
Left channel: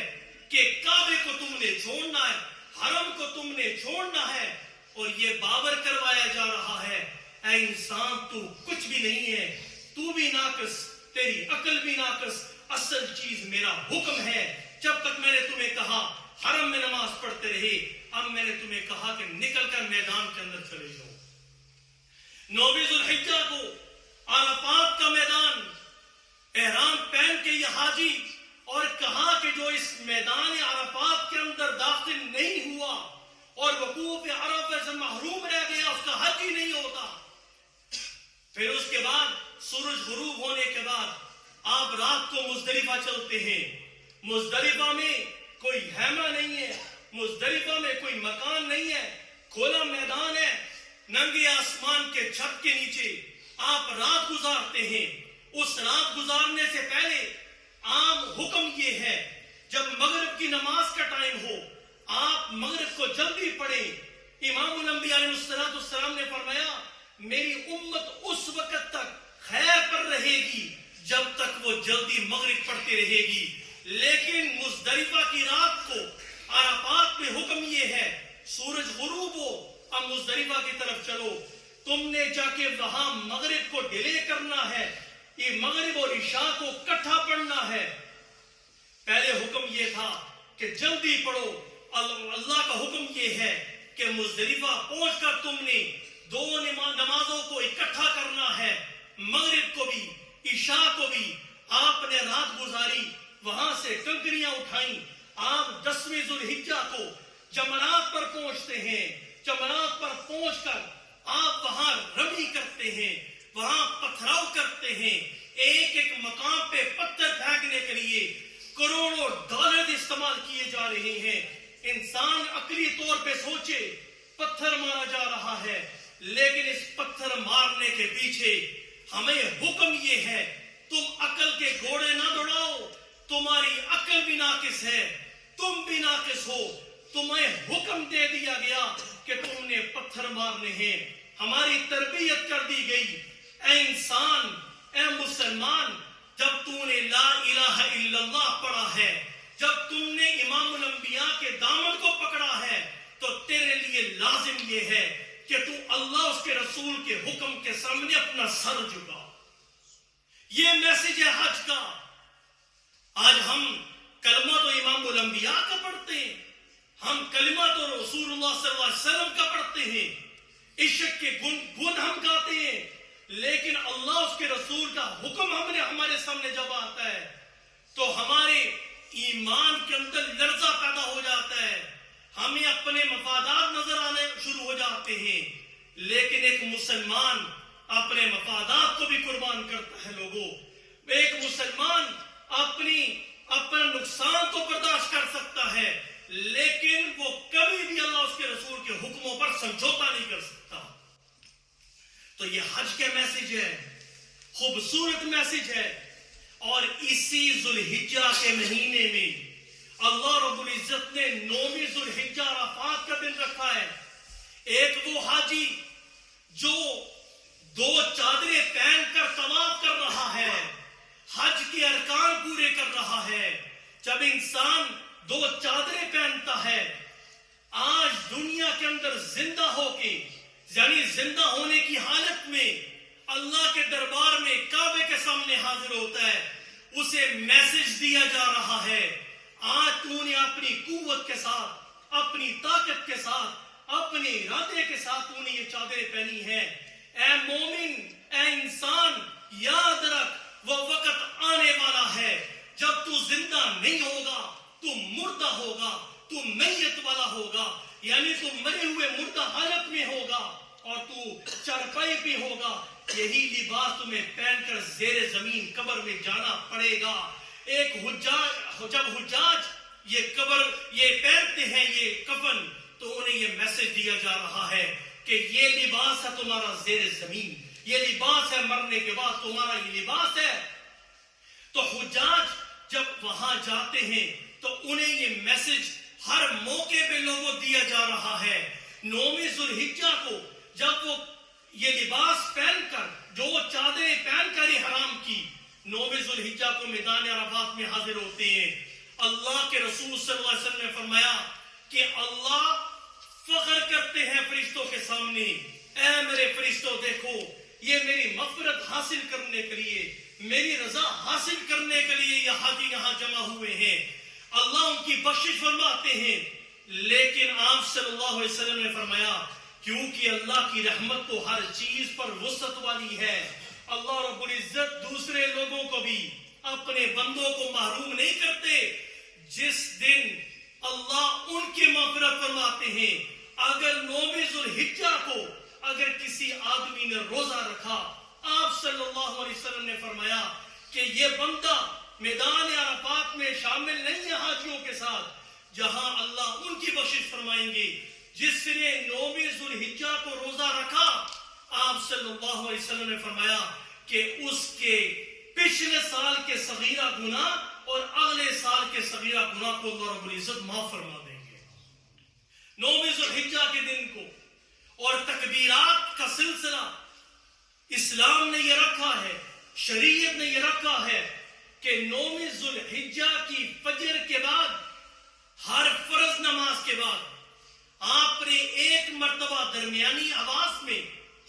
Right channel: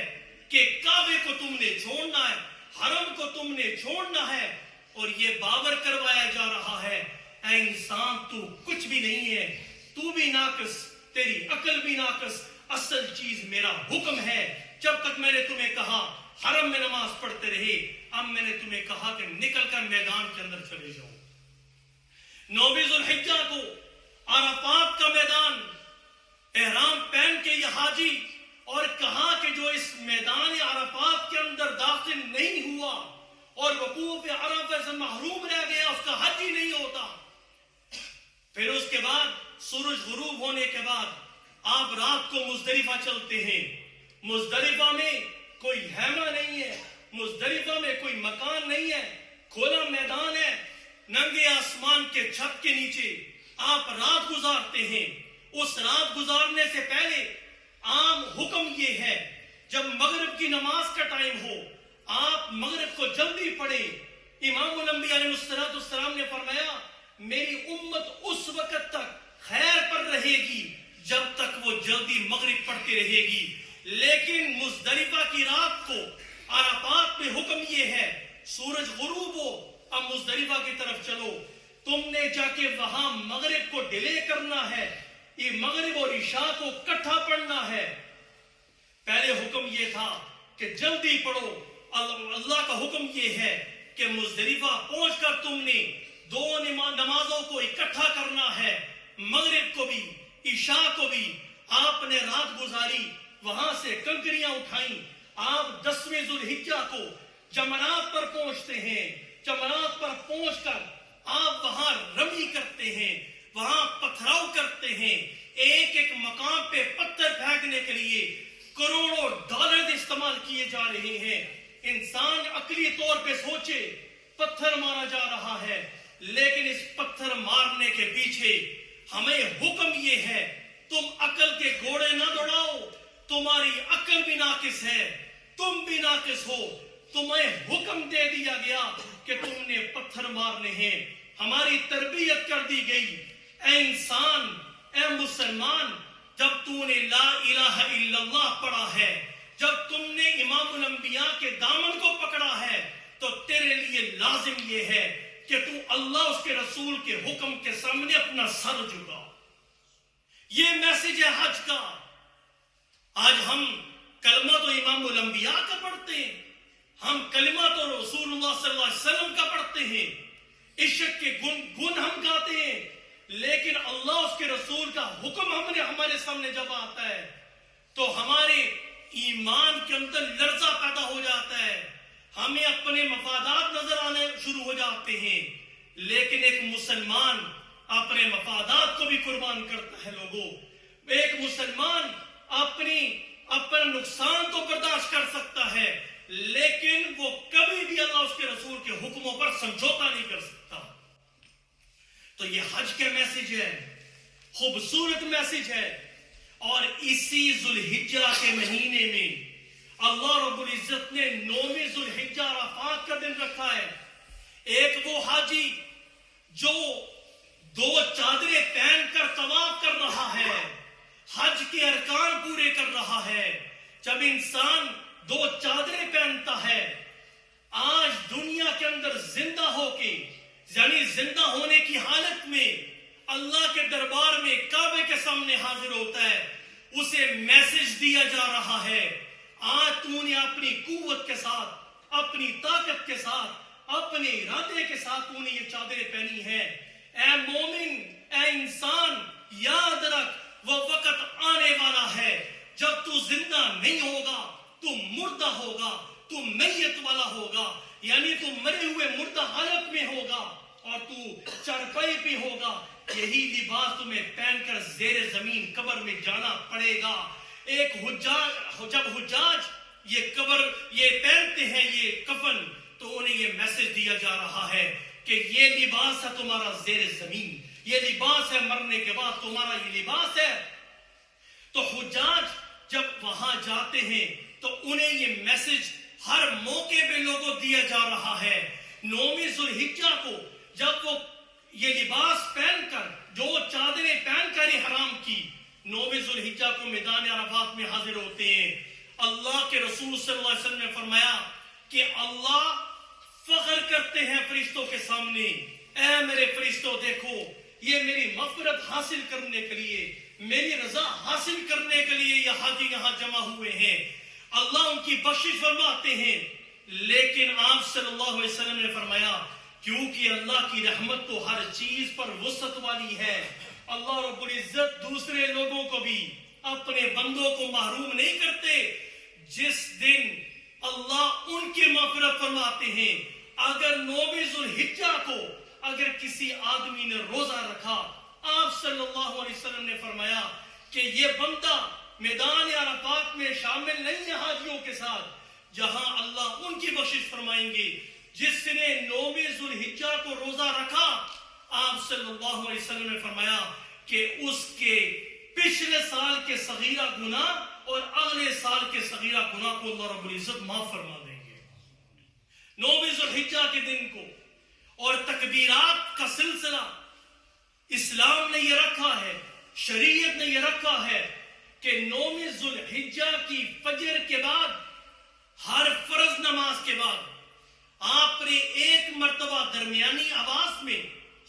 کہ کعبے کو تم نے چھوڑنا ہے, حرم کو تم نے چھوڑنا ہے. اور یہ باور کروایا جا رہا ہے اے انسان تو کچھ بھی نہیں ہے, تو بھی ناقص, تیری عقل بھی ناقص, اصل چیز میرا حکم ہے. جب تک میں نے تمہیں کہا حرم میں نماز پڑھتے رہے, اب میں نے تمہیں کہا کہ نکل کر میدان کے اندر چلے جاؤ. 9ویں ذوالحجہ کو عرفات کا میدان, احرام پہن کے یہ حاجی, اور کہا کہ جو اس میدان عرفات کے اندر داخل نہیں ہوا اور وقوف عرفہ سے محروم رہ گیا, اس کا حج ہی نہیں ہوتا. پھر اس کے بعد سورج غروب ہونے کے بعد آپ رات کو مزدلفہ چلتے ہیں. مزدلفہ میں کوئی خیمہ نہیں ہے, مزدلفہ میں کوئی مکان نہیں ہے, کھولا میدان ہے, ننگے آسمان کے چھت کے نیچے آپ رات گزارتے ہیں. اس رات گزارنے سے پہلے عام حکم یہ ہے جب مغرب کی نماز کا ٹائم ہو آپ مغرب کو جلدی پڑھیں. امام الانبیاء علیہ السلام نے فرمایا میری امت اس وقت تک خیر پر رہے گی جب تک وہ جلدی مغرب پڑھتی رہے گی. لیکن مزدلفہ کی رات کو عرفات میں حکم یہ ہے سورج غروب ہو اب مزدلفہ کی طرف چلو, تم نے جا کے وہاں مغرب کو ڈیلے کرنا ہے, یہ مغرب اور عشاء کو اکٹھا پڑھنا ہے. پہلے حکم یہ تھا کہ جلدی پڑھو, اللہ کا حکم یہ ہے کہ مزدلفہ پہنچ کر تم نے دو نمازوں کو اکٹھا کرنا ہے, مغرب کو بھی عشاء کو بھی. آپ نے رات گزاری, وہاں سے کنکریاں اٹھائیں, آپ 10ویں ذوالحجہ کو جمرات پر پہنچتے ہیں. جمرات پر پہنچ کر آپ وہاں رمی کرتے ہیں, وہاں پتھراؤ کرتے ہیں. ایک ایک مقام پہ پتھر پھینکنے کے لیے کروڑوں ڈالر استعمال کیے جا رہے ہیں. انسان عقلی طور پہ سوچے پتھر مارا جا رہا ہے, لیکن اس پتھر مارنے کے پیچھے ہمیں حکم یہ ہے تم عقل کے گھوڑے نہ دوڑاؤ, تمہاری عقل بھی ناقص ہے, تم بھی ناقص ہو. تمہیں حکم دے دیا گیا کہ تم نے پتھر مارنے ہیں. ہماری تربیت کر دی گئی اے انسان, اے مسلمان, جب تو نے لا الہ الا اللہ پڑھا ہے, جب تم نے امام الانبیاء کے دامن کو پکڑا ہے, تو تیرے لیے لازم یہ ہے کہ تو اللہ اس کے رسول کے حکم کے سامنے اپنا سر جھکا. یہ میسج ہے حج کا. آج ہم کلمہ تو امام الانبیاء کا پڑھتے ہیں, ہم کلمہ تو رسول اللہ صلی اللہ علیہ وسلم کا پڑھتے ہیں, عشق کے گن ہم گاتے ہیں, لیکن اللہ اس کے رسول کا حکم ہمارے سامنے جب آتا ہے تو ہمارے ایمان کے اندر لرزہ پیدا ہو جاتا ہے, ہمیں اپنے مفادات نظر آنے شروع ہو جاتے ہیں. لیکن ایک مسلمان اپنے مفادات کو بھی قربان کرتا ہے. لوگوں, ایک مسلمان اپنا نقصان تو برداشت کر سکتا ہے, لیکن وہ کبھی بھی اللہ اس کے رسول کے حکموں پر سمجھوتا نہیں کر سکتا. تو یہ حج کا میسج ہے, خوبصورت میسج ہے. اور اسی ذوالحجہ کے مہینے میں اللہ رب العزت نے 9ویں ذوالحجہ عرفات کا دن رکھا ہے. ایک وہ حاجی جو 2 چادریں پہن کر طواف کر رہا ہے, حج کے ارکان پورے کر رہا ہے. جب انسان 2 چادریں پہنتا ہے, آج دنیا کے اندر زندہ ہو کے, یعنی زندہ ہونے کی حالت میں اللہ کے دربار میں کعبے کے سامنے حاضر ہوتا ہے, اسے میسج دیا جا رہا ہے آج تو نے اپنی قوت کے ساتھ, اپنی طاقت کے ساتھ, اپنے ارادے کے ساتھ تو نے یہ چادریں پہنی ہیں. اے مومن, اے انسان, یاد رکھ وہ وقت آنے والا ہے جب تو زندہ نہیں ہوگا, تو مردہ ہوگا, تو میت والا ہوگا, یعنی تو مرے ہوئے مردہ حالت میں ہوگا اور تو چارپائی پہ ہوگا. یہی لباس تمہیں پہن کر زیر زمین قبر میں جانا پڑے گا. ایک جب حجاج یہ پہنتے ہیں یہ کفن, تو انہیں یہ میسج دیا جا رہا ہے کہ یہ لباس ہے تمہارا زیر زمین, یہ لباس ہے مرنے کے بعد تمہارا یہ لباس ہے. تو حجاج جب وہاں جاتے ہیں تو انہیں یہ میسج ہر موقع پہ لوگوں دیا جا رہا ہے. 9ویں ذوالحجہ کو جب وہ یہ لباس پہن کر, جو چادریں پہن کر ہی حرام کی, 9ویں ذوالحجہ کو میدان عرفات میں حاضر ہوتے ہیں. اللہ کے رسول صلی اللہ علیہ وسلم نے فرمایا کہ اللہ فخر کرتے ہیں فرشتوں کے سامنے, اے میرے فرشتوں دیکھو یہ میری مغفرت حاصل کرنے کے لیے, میری رضا حاصل کرنے کے لیے یہ حاجی یہاں جمع ہوئے ہیں. اللہ ان کی بخشش فرماتے ہیں. لیکن آپ صلی اللہ علیہ وسلم نے فرمایا کیونکہ اللہ کی رحمت تو ہر چیز پر وسعت والی ہے, اللہ رب العزت دوسرے لوگوں کو بھی اپنے بندوں کو محروم نہیں کرتے. جس دن اللہ ان کی مغفرت فرماتے ہیں, اگر 9ویں ذوالحجہ کو اگر کسی آدمی نے روزہ رکھا, آپ صلی اللہ علیہ وسلم نے فرمایا کہ یہ بندہ میدان عرفات میں شامل نہیں ہے حاجیوں کے ساتھ, جہاں اللہ ان کی بخشش فرمائیں گے. جس نے 9ویں صلی اللہ علیہ وسلم نے فرمایا کہ اس کے پچھلے سال کے صغیرہ گناہ اور اگلے سال کے صغیرہ گناہ کو اللہ رب العزت معاف فرما دیں گے. 9 ذی الحجہ کے دن کو اور تکبیرات کا سلسلہ اسلام نے یہ رکھا ہے, شریعت نے یہ رکھا ہے کہ 9 ذی الحجہ کی فجر کے بعد, ہر فرض نماز کے بعد آپ نے ایک مرتبہ درمیانی آواز میں,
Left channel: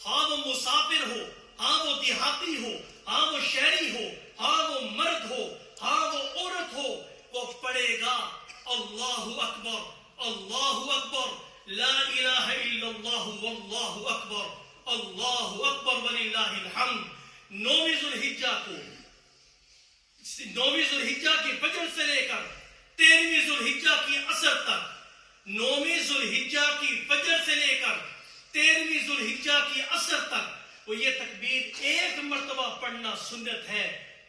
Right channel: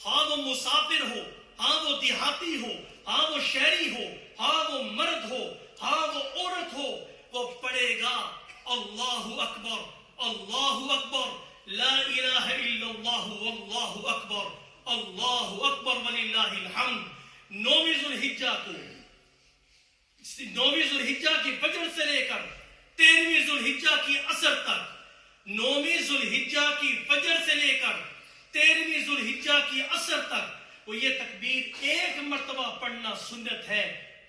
ہاں وہ مسافر ہو, ہاں وہ دیہاتی ہو, ہاں وہ شہری ہو, ہاں وہ مرد ہو, ہاں وہ عورت ہو, وہ پڑھے گا اللہ اکبر اللہ اکبر لا الہ الا اللہ واللہ اکبر اللہ اکبر وللہ الحمد. 9 ذی الحجہ کو, 9 ذی الحجہ کی فجر سے لے کر 13 ذی الحجہ کی عصر تک, 9 ذی الحجہ کی فجر سے لے کر 13 ذی الحجہ کی عصر تک وہ یہ تکبیر ایک مرتبہ پڑھنا سنت ہے,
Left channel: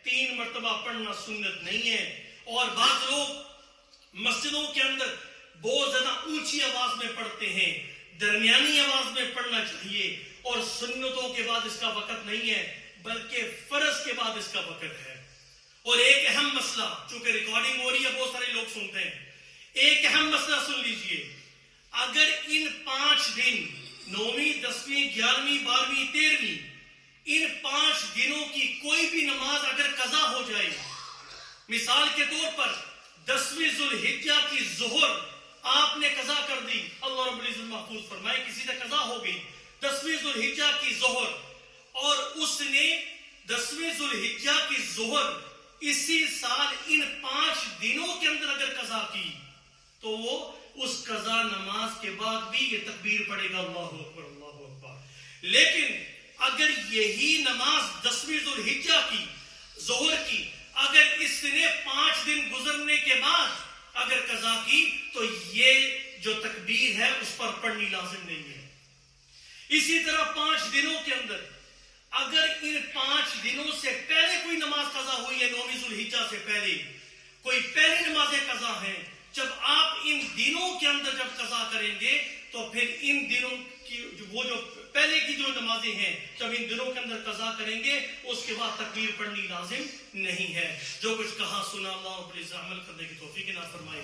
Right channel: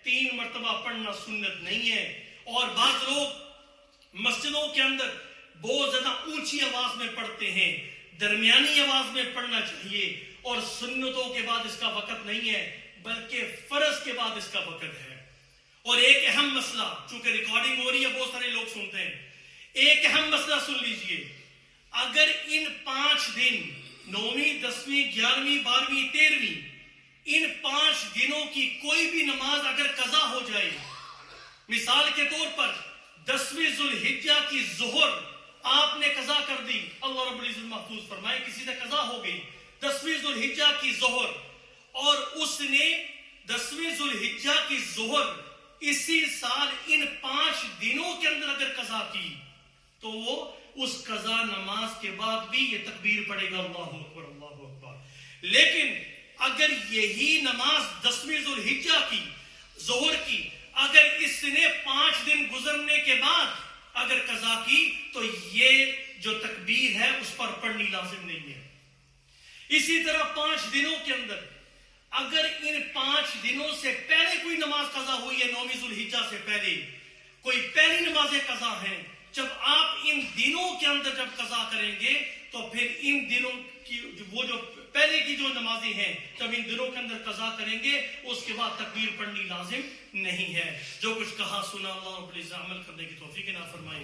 3 مرتبہ پڑھنا سنت نہیں ہے. اور بعض لوگ مسجدوں کے اندر بہت زیادہ اونچی آواز میں پڑھتے ہیں, درمیانی آواز میں پڑھنا چاہیے, اور سنتوں کے بعد اس کا وقت نہیں ہے بلکہ فرض کے بعد اس کا وقت ہے. اور ایک اہم مسئلہ, چونکہ ریکارڈنگ ہو رہی ہے بہت سارے لوگ سنتے ہیں, ایک اہم مسئلہ سن لیجئے. اگر ان 5 دن 9ویں 10ویں 11ویں 12ویں 13ویں ان 5 دنوں کی کوئی بھی نماز اگر قضا ہو جائے, مثال کے طور پر 10ویں ذی الحجہ کی ظہر آپ نے قضا کر دی, اللہ رب العزت محفوظ فرمائے کسی سے قضا ہو گئی 10ویں ذی الحجہ کی ظہر, اور اس نے 10ویں ذی الحجہ کی ظہر اسی سال ان 5 دنوں کے اندر اگر قضا کی تو وہ اس قضا نماز کے بعد بھی یہ تکبیر پڑھے گا اللہ اکبر اللہ اکبر. لیکن اگر یہی نماز 10ویں ذی الحجہ کی ظہر کی اگر اس نے 5 دن گزرنے کے بعد اگر قضا کی تو یہ جو تکبیر ہے اس پر پڑھنی لازم نہیں ہے. اسی طرح 5 دنوں کے اندر اگر ان 5 دنوں سے پہلے کوئی نماز قضا ہوئی ہے, 9 ذی الحجہ سے پہلے کوئی پہلی نمازیں قضا ہیں, جب آپ ان دنوں کے اندر جب قضا کریں گے تو پھر ان دنوں کی وہ جو پہلے کی جو نمازیں ہیں جب ان دنوں کے اندر قضا کریں گے اس کے بعد تکبیر پڑھنی لازم نہیں ہے. جو کچھ کہا سنا اللہ رب العزت عمل کرنے کی توفیق عطا فرمائے.